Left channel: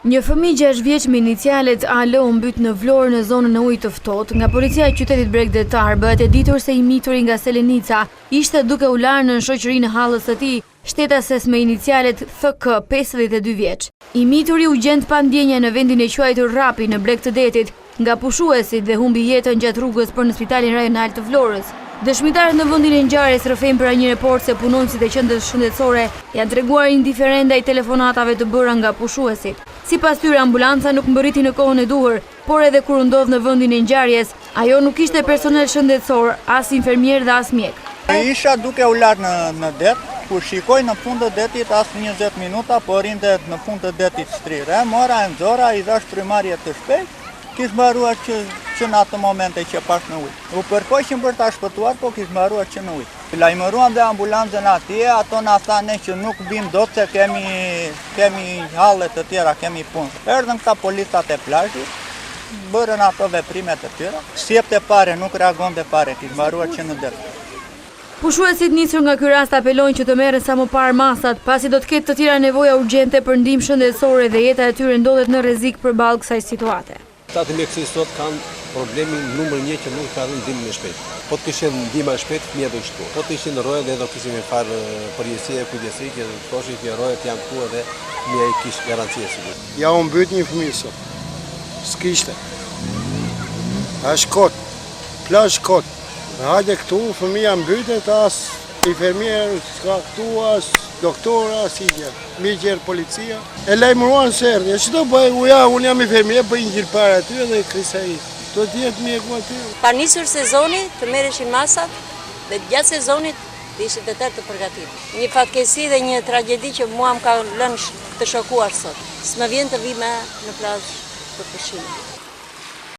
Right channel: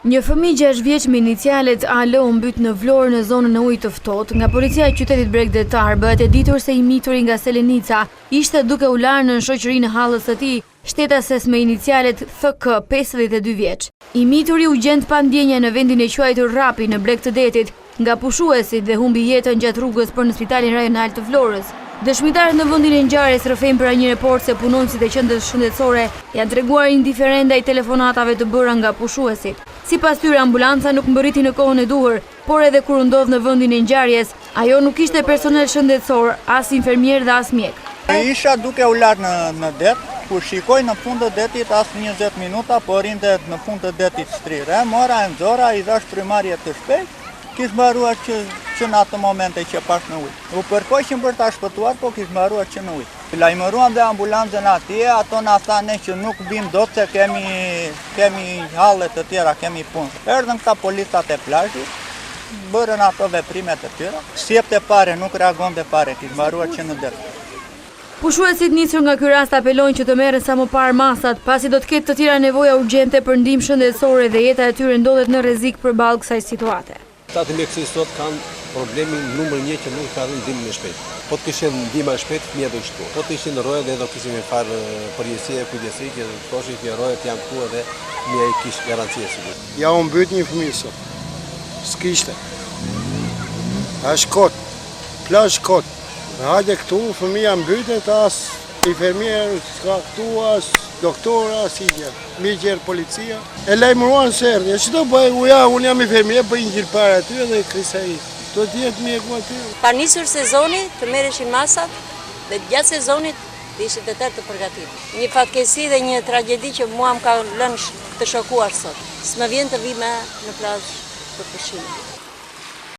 Një fëmijë 6 vjeç me inicialet AL u mbyt në Vlorë në zonën e ujit të ftohtë. Nga policia e qytetit Bregdetar bëhet e ditur se i mituri nga Selenica ishte duke u larë në shoqërinë e hallës së tij, shtetases me inicialet FK, 52 vjeç. I mituri u gjend pa ndjenja në vendin e quajtur Rapi në Breg të Detit nga pushuesit dhe humbi jetën gjatë rrugës për në spitalin rajonal të Vlorës. Dëshmitarët në vendin e ngjarjes rrëfejnë për një report se punonësit e qendrës shëndetësore janë treguar indiferent ndaj telefonatave të bëra nga pushuesit. Sipas tyre, ambulanca nuk mbërriti në kohën e duhur, por edhe kur u ndodh në vendin e ngjarjes, ajo nuk ishte personel shëndetësor, as infermier dhe as mjek. Isha duke u larë në det, kur shikoj në fund të detit as 20 minuta, por rinde në fund të detit shtrirë. Mora e nxora, i dhash frymarrje të shpejtë, kishë mbaruar që në atë momente që pash në ujë. U përkoqëm për ta shpëtuar, po kishë mbaruar që në ujë. Lajmëruam dhe ambulancën atje, ato na thanë që nuk bim dot se kemi halle të tjera, kemi punë. Erdhën këta policat e plazhit, bërën ato veprimet e tjera. Sjepte pare, nuk reagonte pare, kishë mbaruar që në det. Pushuesit nisur nga ky rast apelojnë që të merren sa më parë masat, pasi do të ketë të tjera nevoja urgjente për ndihmë shëndetësore dhe jeta e tyre ndodhet në rrezik përballë kësaj situate. Ata të mjekësisë sot kanë problemin numër 1 që nuk ka dhënë ndihmën e shpejtë. Po të kishin ndihmë e shpejtë, fëmijët do shtu. Po të ishin në rroje dhe do kishim një farë përgjegjësie e kujdesi që thoshin që rrojet janë këtu dhe fëmia i kishte garanci e sigurt. Ja u mbyt një fëmijë sot. S'kishte. Është kot. Plazh kot. Hajde këtu, fëmija mbytet, as infermier, s'ka këtu, as doktor, as i gjë. Mi gjerë policia. E lajmëruan se erdhi. Që do bëj, unë jam infermier, bëj një gjilë para aty dhe krisa i. Do t'jetë mjeku aty. Pa nisur sezoni, të merreshin masat, dhe gjatë sezonit të ishit të tërë të përgatitur. Një fatkesi dhe një tragjedi që mua më ka lënë të shokuar sot. S'më vjen të vi me në plazh për pushim.